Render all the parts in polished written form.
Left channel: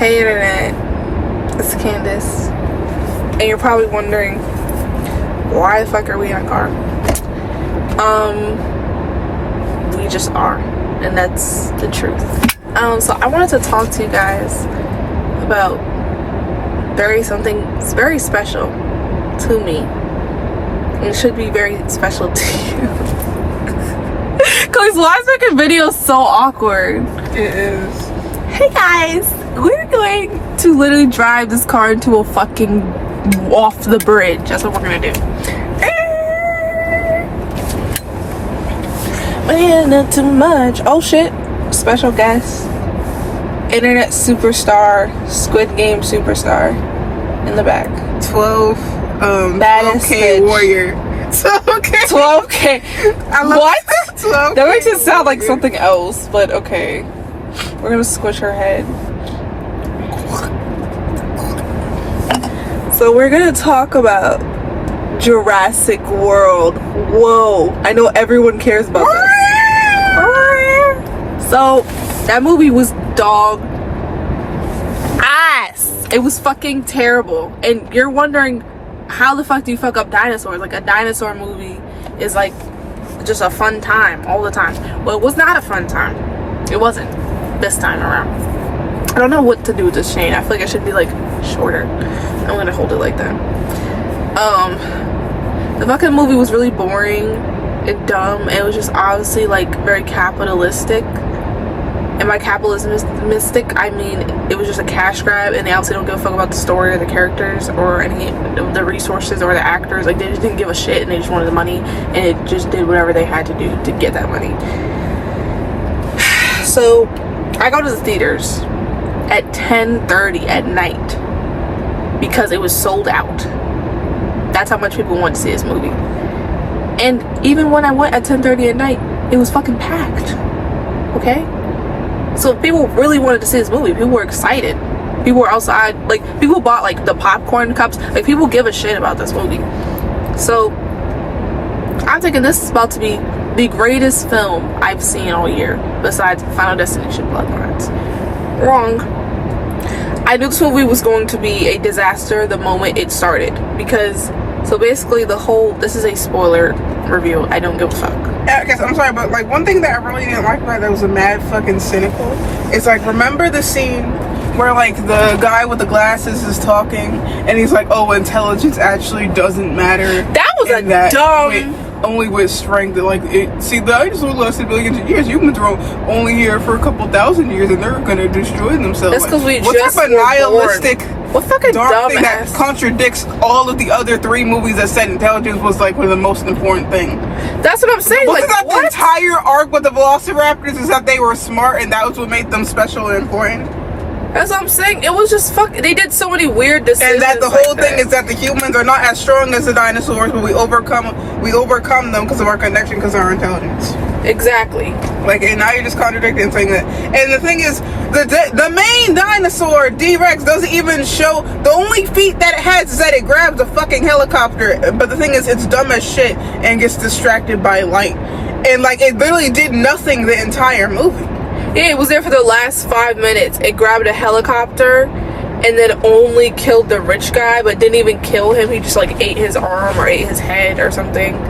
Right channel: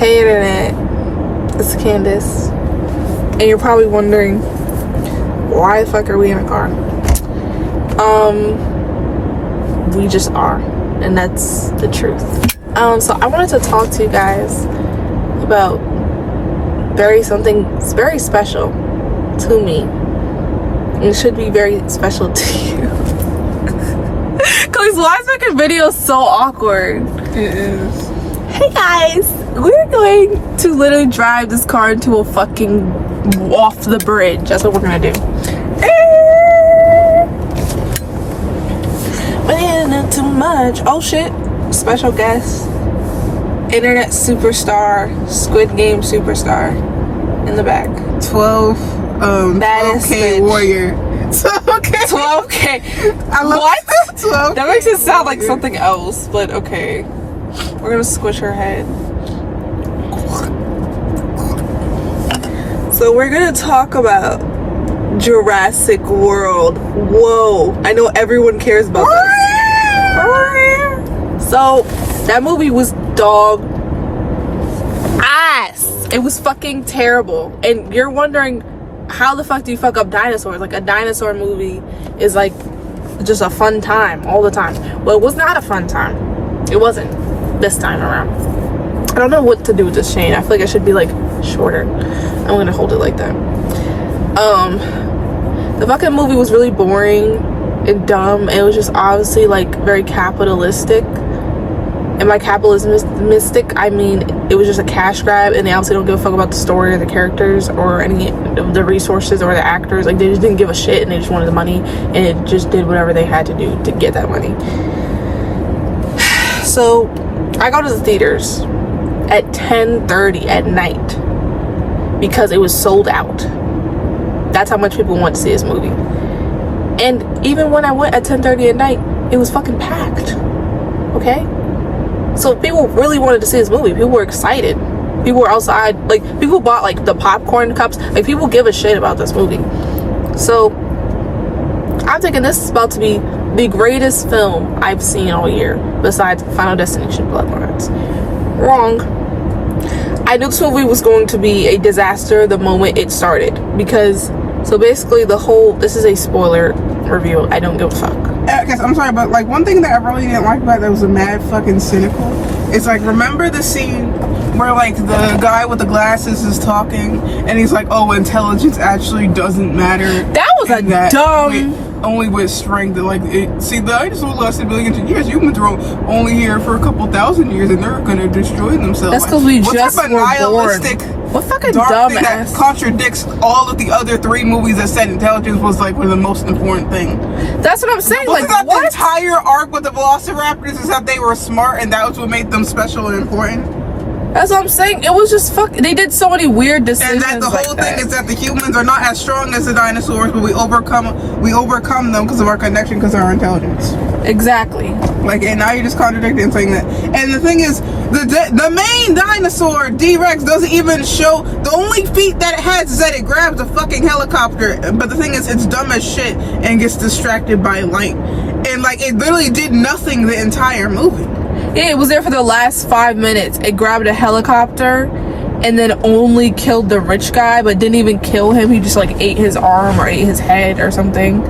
Hey internet, it's Candace, and you're probably wondering why the fuck are we in a car? We just are, and that's the truth. So I wanted to talk to you guys about something very special to me, and it should be very special to you. Cause why is making videos so awkward? It is. Hey guys, we're going to literally drive this car into a fucking off the bridge. That's what we're gonna do. Not too much. Oh shit! Special guest, internet superstar, Squid Game superstar, in the back. 12K warrior. 12K. What? 12K that makes it sound like something else, but okay. We're gonna squish her head. So we're gonna talk about Jurassic World. Whoa, I know everyone cares about this. So that movie was dog ass. It was fucking terrible. And you're wondering, how the fuck do you fuck up dinosaurs? Like, a dinosaur movie is like just a fun time all the time. Well, it was not a fun time. It wasn't this time around. I don't know what to do with this chain. I feel like I should be like shorter. I'm gonna hold it like that. The fucking movie was really boring and dumb. It was just obviously like very capitalistic. And by capitalistic, I mean it was just a cash grab, and they obviously don't give a fuck about the story or the characters or any of the resources or the actors. Like, they just didn't give a shit, and they just wanted the money, and it just did whatever they had to do to get that money. So I go to the theaters at 10:30 at night because it was sold out. That's how much people want to see this movie. And even when I went at 10:30 at night, it was fucking packed. Okay? So people really wanted to see this movie. People were excited. People were outside. Like, people bought like the popcorn cups. Like, people give a shit about this movie. So I'm thinking this is about to be the greatest film I've seen all year, besides Final Destination Bloodlines. Wrong. I knew this movie was going to be a disaster the moment it started, because so basically this is a spoiler review. I don't give a fuck. I guess I'm sorry, but like one thing that I really didn't like about it that was a mad fucking cynical. It's like, remember the scene where like the guy with the glasses is talking and he's like, oh, intelligence actually doesn't matter. That was a dumb. Only with strength. Like, see, the dinosaurs lasted billions of years. Humans are only here for a couple thousand years, and they're gonna destroy themselves. That's because we what just type of were nihilistic, born. What fucking dumb thing that contradicts all of the other 3 movies that said intelligence was like one of the most important thing. That's what I'm saying. Wasn't like, that what? The entire arc with the Velociraptors is that they were smart, and that was what made them special and important. That's what I'm saying. It was just they did so many weird decisions. And that the whole thing is that the humans are not as strong as the dinosaurs, but we overcome them because of our connection, because of our intelligence. Exactly. Like, and now you're just contradicting and saying that. And the thing is, the main dinosaur, D-Rex, doesn't even show. The only feat that it has is that it grabs a fucking helicopter. But the thing is, it's dumb as shit and gets distracted by light. And like, it literally did nothing the entire movie. Yeah, it was there for the last 5 minutes. It grabbed a helicopter and then only killed the rich guy, but didn't even kill him. He just like ate his arm or ate his head or something.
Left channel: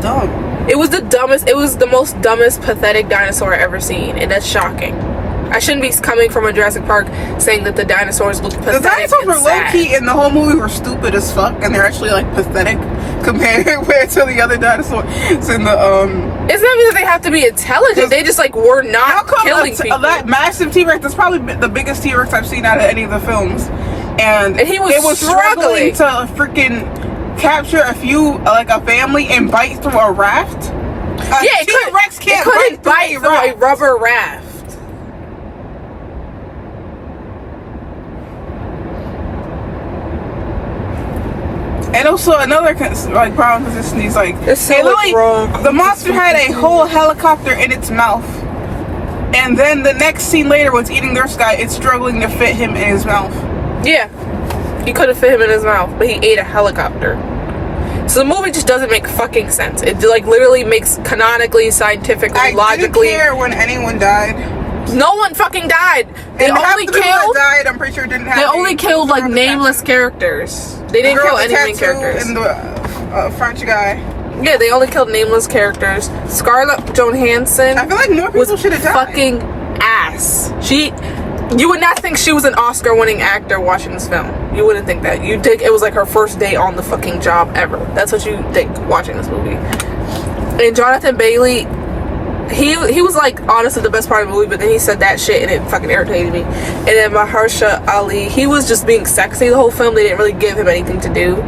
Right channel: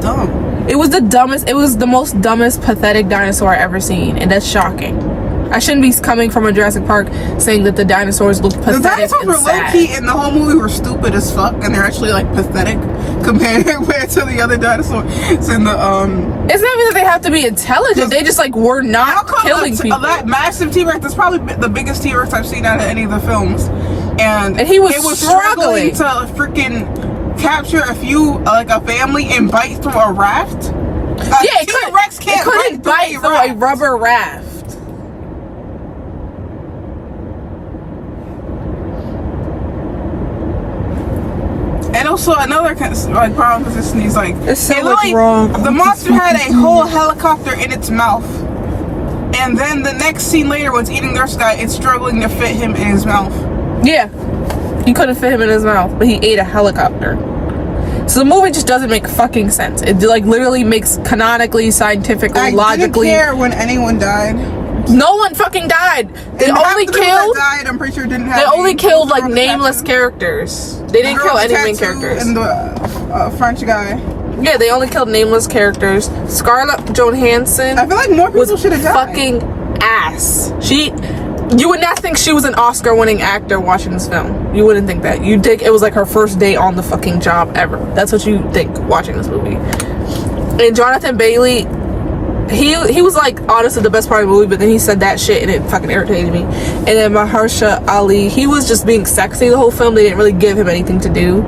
Dumb. It was the dumbest. It was the most dumbest, pathetic dinosaur I ever seen, and that's shocking. I shouldn't be coming from a Jurassic Park saying that the dinosaurs look pathetic. The dinosaurs were low-key in the whole movie were stupid as fuck, and they're actually like pathetic compared to the other dinosaurs in the It's not even that they have to be intelligent. They just like were not killing people. That massive T-Rex, that's probably the biggest T-Rex I've seen out of any of the films, and he was struggling to freaking capture a family and bite through a raft. T-Rex can't bite through a rubber raft. And also another problem with this is like, wrong. The monster had a whole helicopter in its mouth, and then the next scene later, when it's eating this guy, it's struggling to fit him in his mouth. Yeah, he couldn't fit him in his mouth, but he ate a helicopter. So the movie just doesn't make fucking sense. It like literally makes canonically, scientifically, logically. I didn't care when anyone died. No one fucking died. They And only half the people that killed. died, I'm pretty sure didn't have. They only killed like the nameless tattoo. characters. They didn't The girl kill with any the main tattoo characters. And the French guy. Yeah, they only killed nameless characters. Scarlett Johansson I feel like more was people should have died. fucking ass. You would not think she was an Oscar-winning actor watching this film. You wouldn't think that. You'd think it was like her first day on the fucking job ever. That's what you think watching this movie. And Jonathan Bailey, he was like honestly the best part of the movie, but then he said that shit and it fucking irritated me. And then Mahershala Ali, he was just being sexy the whole film. They didn't really give him anything to do.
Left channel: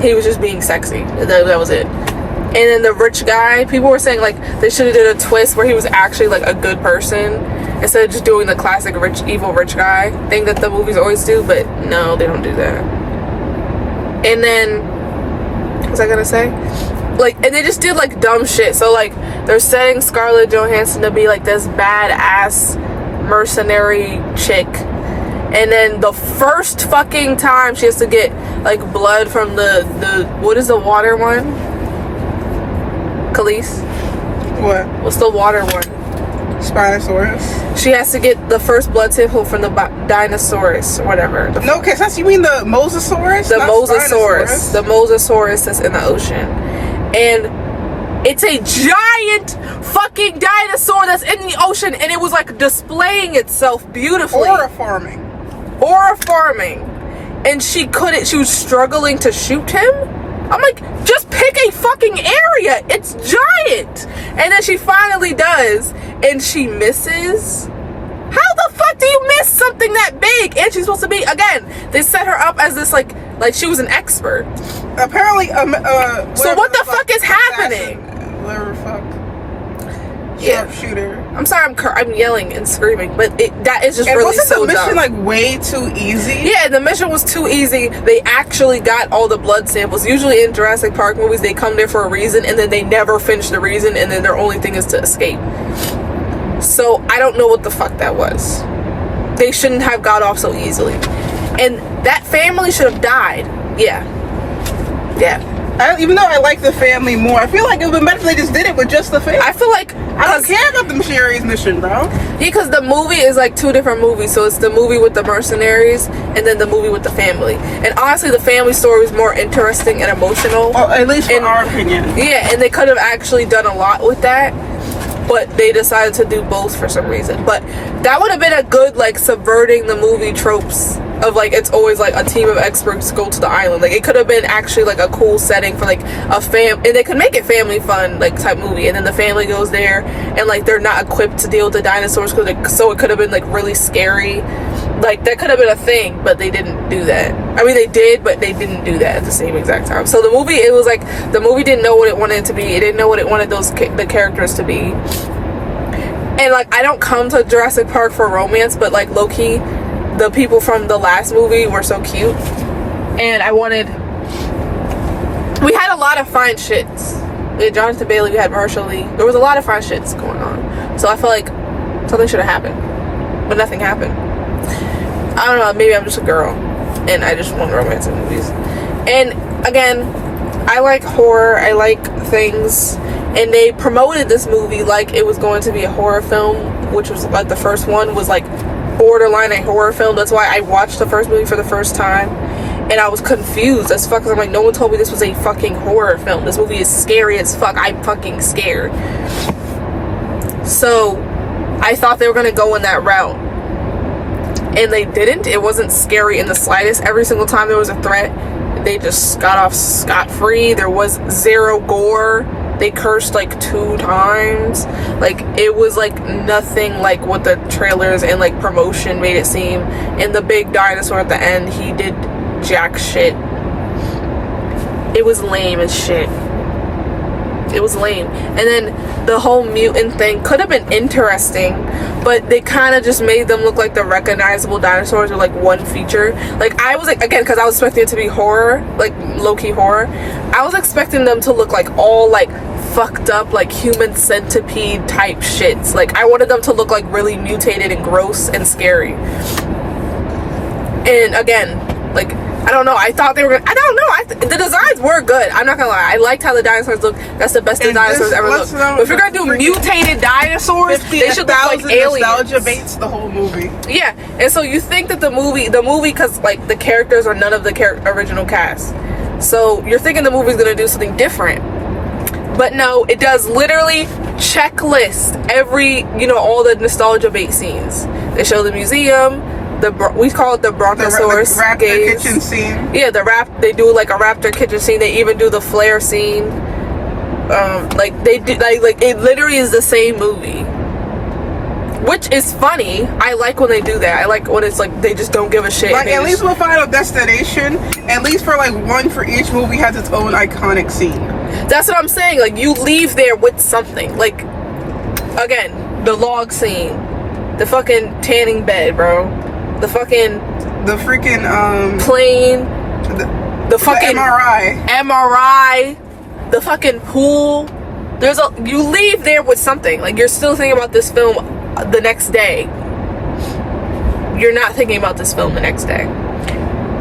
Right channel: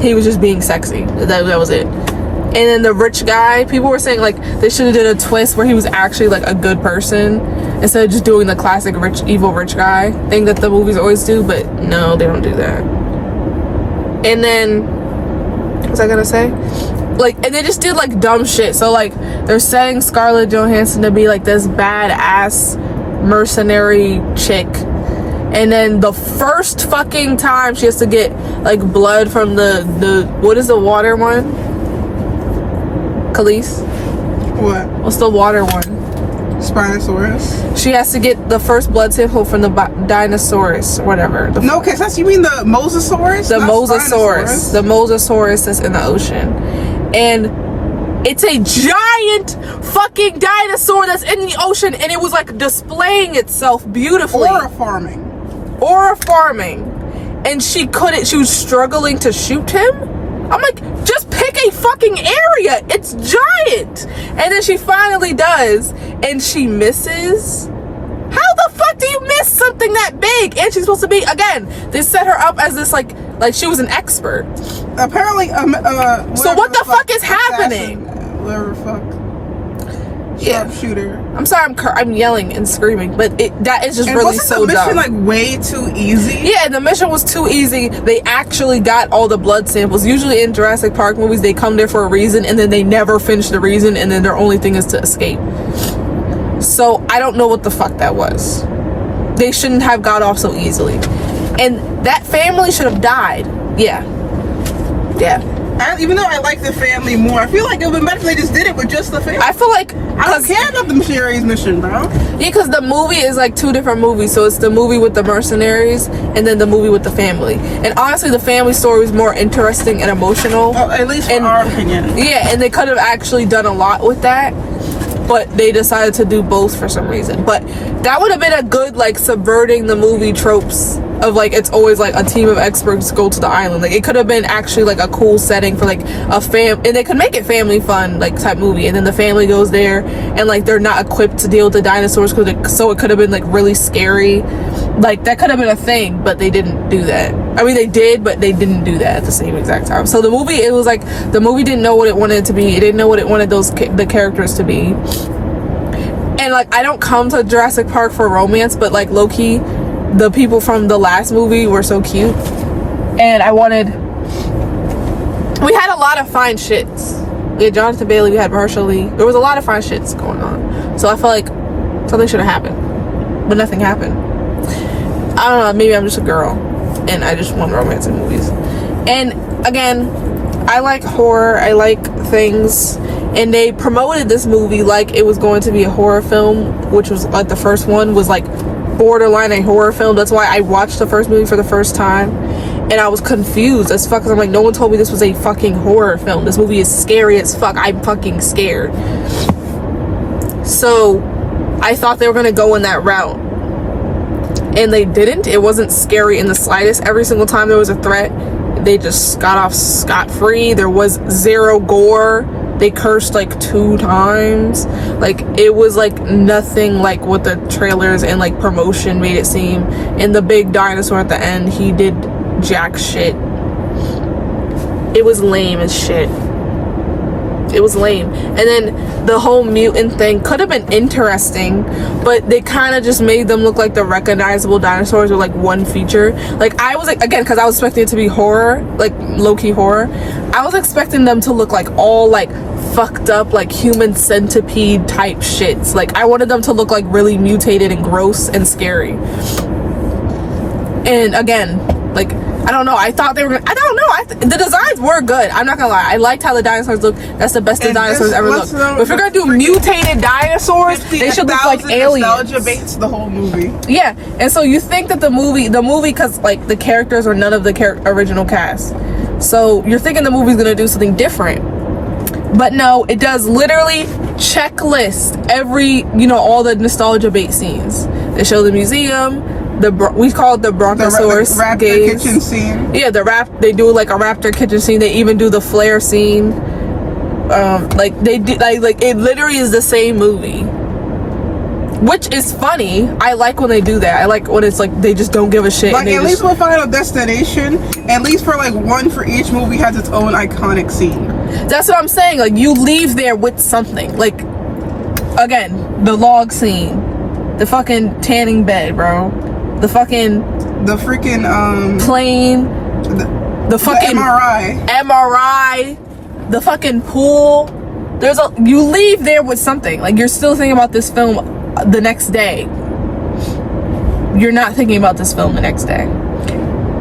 He was just being sexy. That was it. And then the rich guy, people were saying like they should have did a twist where he was actually like a good person instead of just doing the classic evil rich guy thing that the movies always do. But no, they don't do that. And then what was I gonna say? Like, and they just did like dumb shit. So like they're saying Scarlett Johansson to be like this badass mercenary chick, and then the first fucking time she has to get like blood from the what is the water one? Khalees? What? What's the water one? Spinosaurus. She has to get the first blood sample from the dinosaurs or whatever. No, because you mean the Mosasaurus? The Not Mosasaurus. Spinosaurus. The Mosasaurus is in the ocean. And it's a giant fucking dinosaur that's in the ocean, and it was like displaying itself beautifully. Or a farming. And she was struggling to shoot him. I'm like, just pick a fucking area. It's giant. And then she finally does, and she misses. How the fuck do you miss something that big? And she's supposed to be, again, they set her up as this like she was an expert. Apparently, So what the fuck is happening? Whatever the fuck. Yeah. Sharpshooter. I'm sorry, I'm yelling and screaming, but that is just And really wasn't so the mission dumb. like way too easy? Yeah, the mission was too easy. They actually got all the blood samples. Usually in Jurassic Park movies, they come there for a reason and then they never finish the reason, and then their only thing is to escape. So I don't know what the fuck that was. They shouldn't have got off so easily. And that family should have died. Yeah. Even though I like the family more, I feel like it would have been better if they just did it with just the family. I feel like I don't care about the Missionaries mission, bro. Yeah, because the movie is like two different movies. So it's the movie with the mercenaries and then the movie with the family. And honestly, the family story is more interesting and emotional. Well, at least in our opinion. Yeah, and they could have actually done a lot with that, but they decided to do both for some reason. But that would have been a good like subverting the movie tropes of like it's always like a team of experts go to the island. Like it could have been actually like a cool setting for like a and they could make it family fun like type movie, and then the family goes there and like they're not equipped to deal with the dinosaurs, so it could have been like really scary. Like that could have been a thing, but they didn't do that. I mean, they did, but they didn't do that at the same exact time. So the movie, it was like the movie didn't know what it wanted it to be. It didn't know what it wanted the characters to be. And like I don't come to Jurassic Park for romance, but like low-key, the people from the last movie were so cute, and we had a lot of fine shits. We had Jonathan Bailey, we had Mahershala Ali. There was a lot of fine shits going on. So I feel like something should have happened, but nothing happened. I don't know, maybe I'm just a girl and I just want romance in movies. And again, I like horror, I like things, and they promoted this movie like it was going to be a horror film, which was like the first one was like borderline a horror film. That's why I watched the first movie for the first time and I was confused as fuck, because I'm like, no one told me this was a fucking horror film. This movie is scary as fuck. I'm fucking scared. So I thought they were gonna go in that route, and they didn't. It wasn't scary in the slightest. Every single time there was a threat, they just got off scot-free. There was zero gore. They cursed like 2 times. Like it was like nothing like what the trailers and like promotion made it seem. And the big dinosaur at the end, he did jack shit. It was lame as shit. It was lame. And then the whole mutant thing could have been interesting, but they kind of just made them look like the recognizable dinosaurs with like one feature. Like I was like, again, because I was expecting it to be horror, like low-key horror, I was expecting them to look like all like fucked up like human centipede type shits. Like I wanted them to look like really mutated and gross and scary. And again, like I don't know. I thought they were gonna, I don't know. The designs were good. I'm not gonna lie. I liked how the dinosaurs look. That's the best the dinosaurs ever looked. But if you're gonna do mutated dinosaurs, they should look like aliens. Nostalgia baits the whole movie. Yeah, and so you think that the movie, because like the characters are none of the original cast, so you're thinking the movie's gonna do something different. But no, it does literally checklist every, all the nostalgia bait scenes. They show the museum. We call it the Brontosaurus the raptor gaze. Kitchen scene. Yeah, they do like a raptor kitchen scene. They even do the flare scene. They did like it literally is the same movie, which is funny. I like when they do that. I like when it's like they just don't give a shit. Like at least with Final Destination, at least for like one for each movie has its own iconic scene. That's what I'm saying. Like you leave there with something. Like again, the log scene, the fucking tanning bed, bro. The freaking plane, the fucking MRI, the fucking pool. You leave there with something. Like you're still thinking about this film the next day. You're not thinking about this film the next day.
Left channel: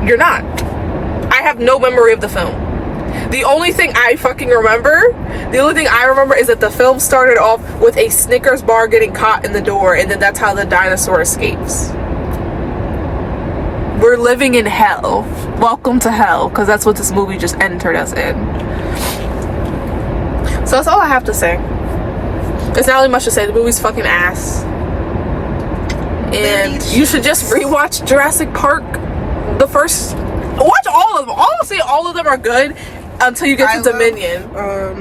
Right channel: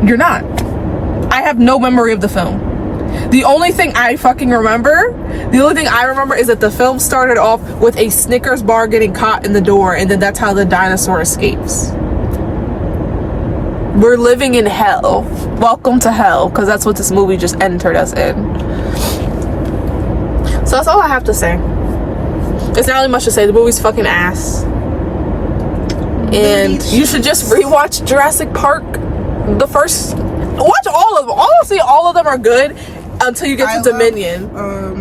You're not. I have no memory of the film. The only thing I remember is that the film started off with a Snickers bar getting caught in the door, and then that's how the dinosaur escapes. We're living in hell. Welcome to hell, because that's what this movie just entered us in. So that's all I have to say. There's not really much to say. The movie's fucking ass. And you should just rewatch Jurassic Park. Watch all of them. Honestly, all of them are good until you get to Dominion.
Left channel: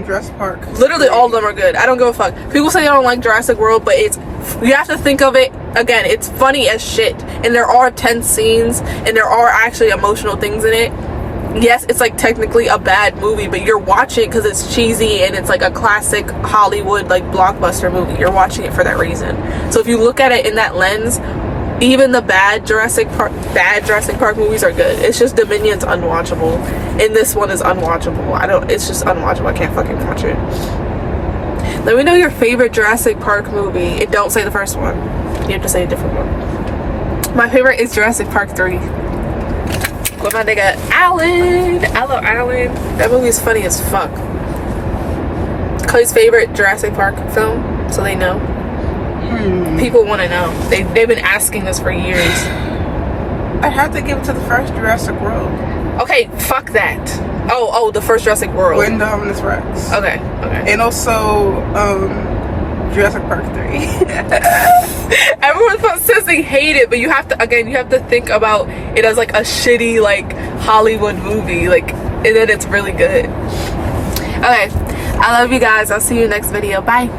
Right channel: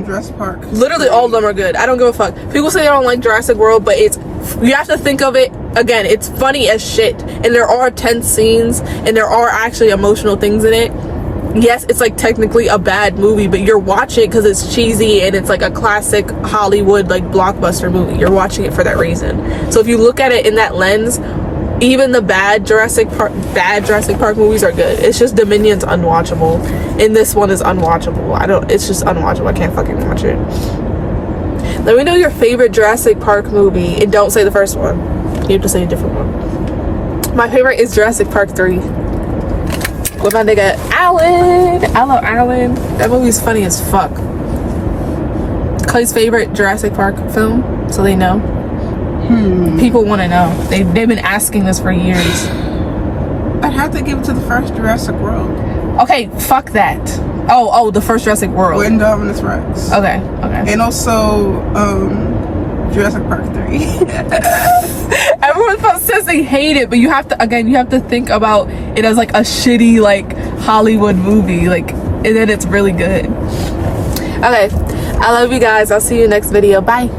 Jurassic Park. Literally all of them are good. I don't give a fuck. People say I don't like Jurassic World, but you have to think of it, again, it's funny as shit. And there are tense scenes, and there are actually emotional things in it. Yes, it's like technically a bad movie, but you're watching it because it's cheesy and it's like a classic Hollywood like blockbuster movie. You're watching it for that reason. So if you look at it in that lens, even the bad Jurassic Park movies are good. It's just Dominion's unwatchable, and this one is unwatchable. It's just unwatchable. I can't fucking watch it. Let me know your favorite Jurassic Park movie, and don't say the first one. You have to say a different one. My favorite is Jurassic Park 3 with my nigga Alan. I love Alan. That movie is funny as fuck. Clay's favorite Jurassic Park film, so they know. People want to know. They've been asking us for years. I'd have to give it to the first Jurassic World. Okay, fuck that. Oh, the first Jurassic World. With Indominus Rex. Okay. And also, Jurassic Park 3. Everyone says they hate it, but you have to think about it as like a shitty like Hollywood movie, like, and then it's really good. Okay, I love you guys. I'll see you next video. Bye.